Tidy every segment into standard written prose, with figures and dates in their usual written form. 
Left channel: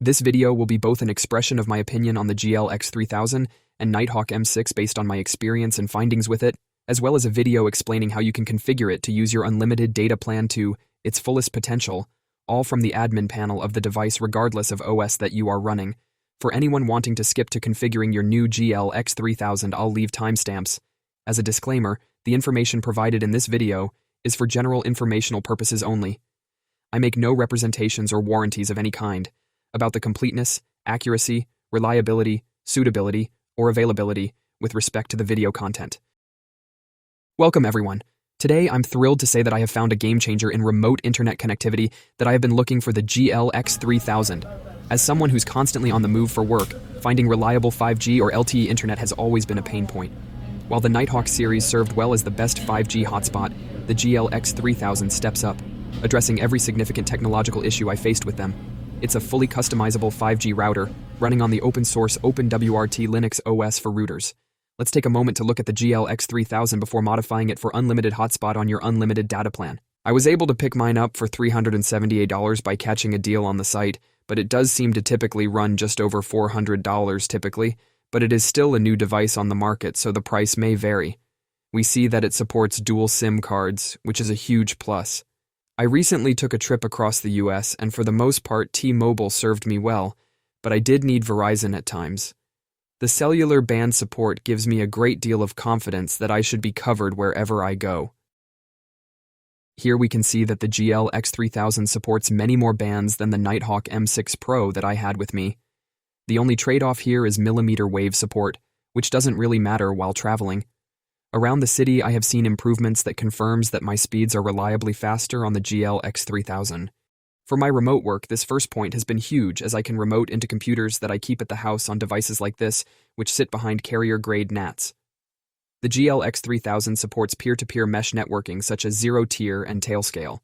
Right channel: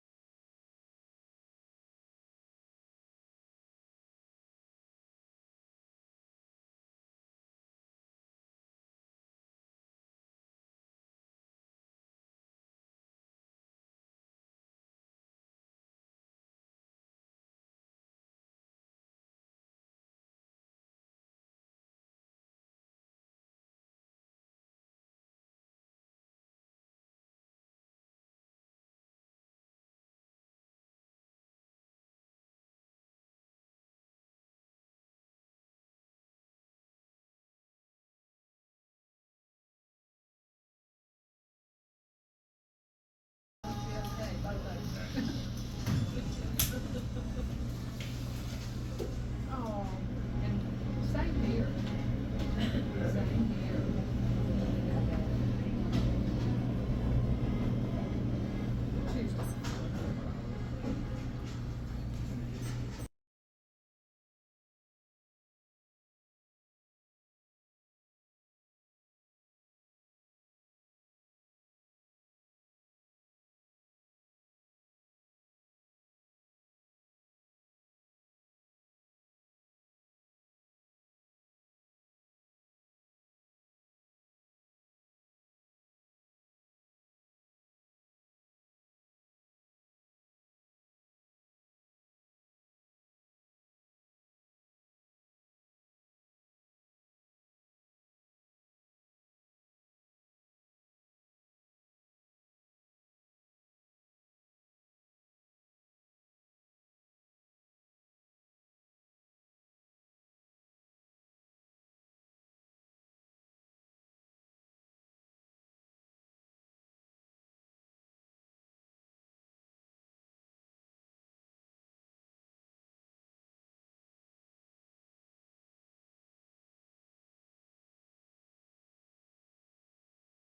This video will be both an expression of my opinion on the GL X3000 and Nighthawk M6 based on my experience and findings with it, as well as a video explaining how you can configure it to use your unlimited data plan to its fullest potential, all from the admin panel of the device regardless of OS that you are running. For anyone wanting to skip to configuring your new GL X3000, I'll leave timestamps. As a disclaimer, the information provided in this video is for general informational purposes only. I make no representations or warranties of any kind about the completeness, accuracy, reliability, suitability, or availability with respect to the video content. Welcome, everyone. Today, I'm thrilled to say that I have found a game changer in remote internet connectivity that I have been looking for, the GL X3000. As someone who's constantly on the move for work, finding reliable 5G or LTE internet has always been a pain point. While the Nighthawk series served well as the best 5G hotspot, the GL X3000 steps up, addressing every significant technological issue I faced with them. It's a fully customizable 5G router running on the open-source OpenWRT Linux OS for routers. Let's take a moment to look at the GL X3000 before modifying it for unlimited hotspot on your unlimited data plan. I was able to pick mine up for $378 by catching a deal on the site, but it does seem to typically run just over $400 typically, but it is still a new device on the market, so the price may vary. We see that it supports dual SIM cards, which is a huge plus. I recently took a trip across the US, and for the most part T-Mobile served me well, but I did need Verizon at times. The cellular band support gives me a great deal of confidence that I should be covered wherever I go. Here we can see that the GL X3000 supports many more bands than the Nighthawk M6 Pro that I had with me. The only trade-off here is millimeter wave support, which doesn't really matter while traveling. Around the city, I have seen improvements that confirms that my speeds are reliably faster on the GL X3000. For my remote work, this first point has been huge, as I can remote into computers that I keep at the house on devices like this, which sit behind carrier-grade NATs. The GL X3000 supports peer-to-peer mesh networking such as zero-tier and tailscale.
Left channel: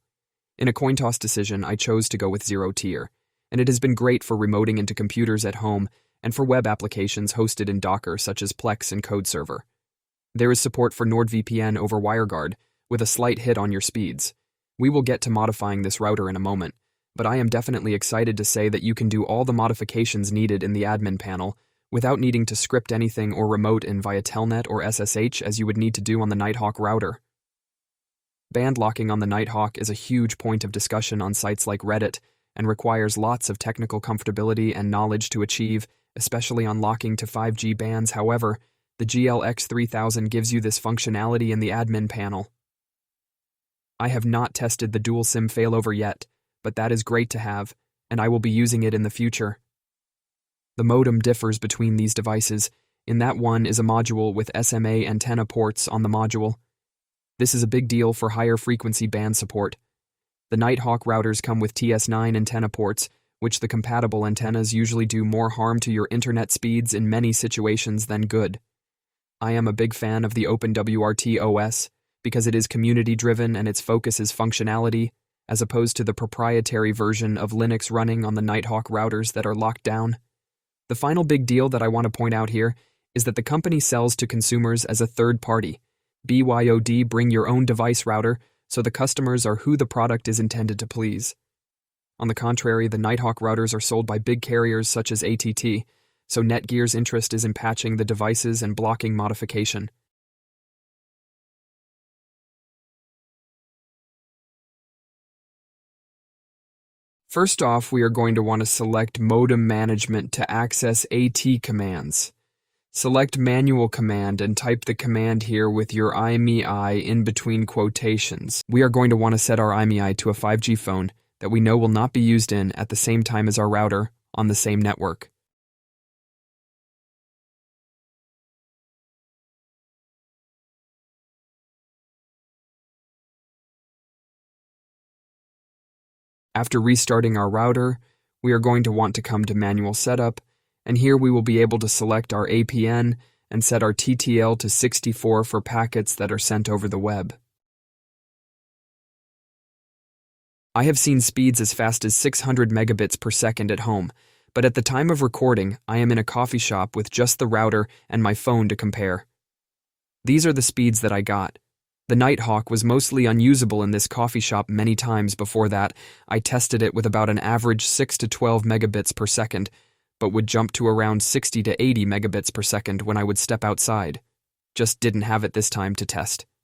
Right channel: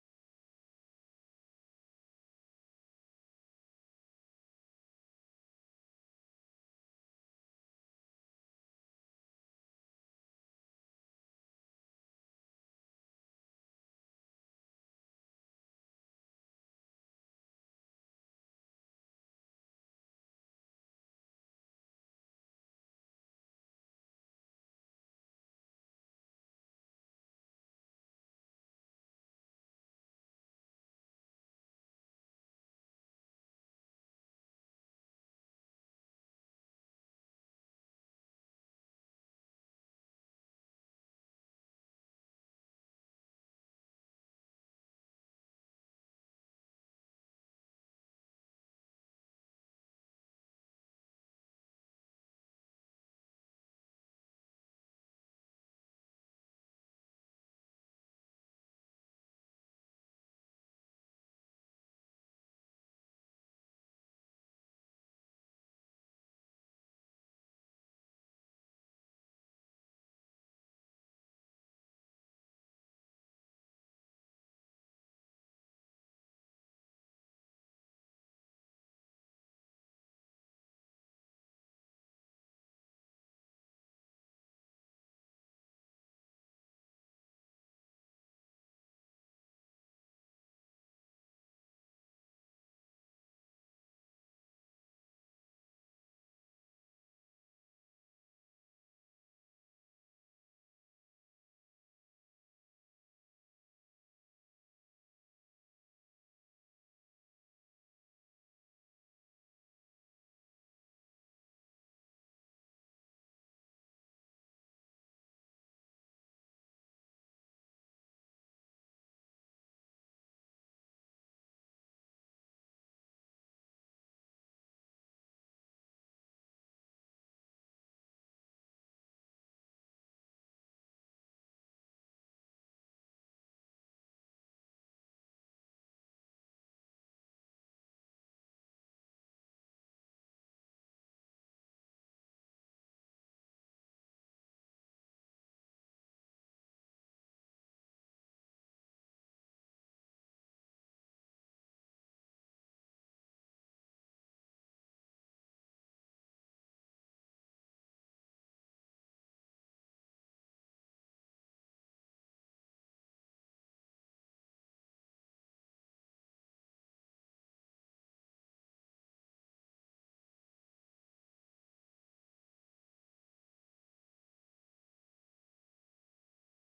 In a coin toss decision, I chose to go with zero-tier, and it has been great for remoting into computers at home and for web applications hosted in Docker such as Plex and CodeServer. There is support for NordVPN over WireGuard, with a slight hit on your speeds. We will get to modifying this router in a moment, but I am definitely excited to say that you can do all the modifications needed in the admin panel without needing to script anything or remote in via Telnet or SSH as you would need to do on the Nighthawk router. Band locking on the Nighthawk is a huge point of discussion on sites like Reddit and requires lots of technical comfortability and knowledge to achieve, especially on locking to 5G bands. However, the GL X3000 gives you this functionality in the admin panel. I have not tested the dual SIM failover yet, but that is great to have, and I will be using it in the future. The modem differs between these devices, in that one is a module with SMA antenna ports on the module. This is a big deal for higher frequency band support. The Nighthawk routers come with TS9 antenna ports, which the compatible antennas usually do more harm to your internet speeds in many situations than good. I am a big fan of the OpenWRT OS because it is community-driven and its focus is functionality, as opposed to the proprietary version of Linux running on the Nighthawk routers that are locked down. The final big deal that I want to point out here is that the company sells to consumers as a third party. BYOD, bring your own device router, so the customers are who the product is intended to please. On the contrary, the Nighthawk routers are sold by big carriers such as AT+, so Netgear's interest is in patching the devices and blocking modification. First off, we are going to want to select Modem Management to access AT commands. Select Manual Command and type the command here with your IMEI in between quotations. We are going to want to set our IMEI to a 5G phone that we know will not be used in at the same time as our router on the same network. After restarting our router, we are going to want to come to Manual Setup, and here we will be able to select our APN and set our TTL to 64 for packets that are sent over the web. I have seen speeds as fast as 600 megabits per second at home, but at the time of recording, I am in a coffee shop with just the router and my phone to compare. These are the speeds that I got. The Nighthawk was mostly unusable in this coffee shop many times before that. I tested it with about an average 6 to 12 megabits per second, but would jump to around 60 to 80 megabits per second when I would step outside. Just didn't have it this time to test.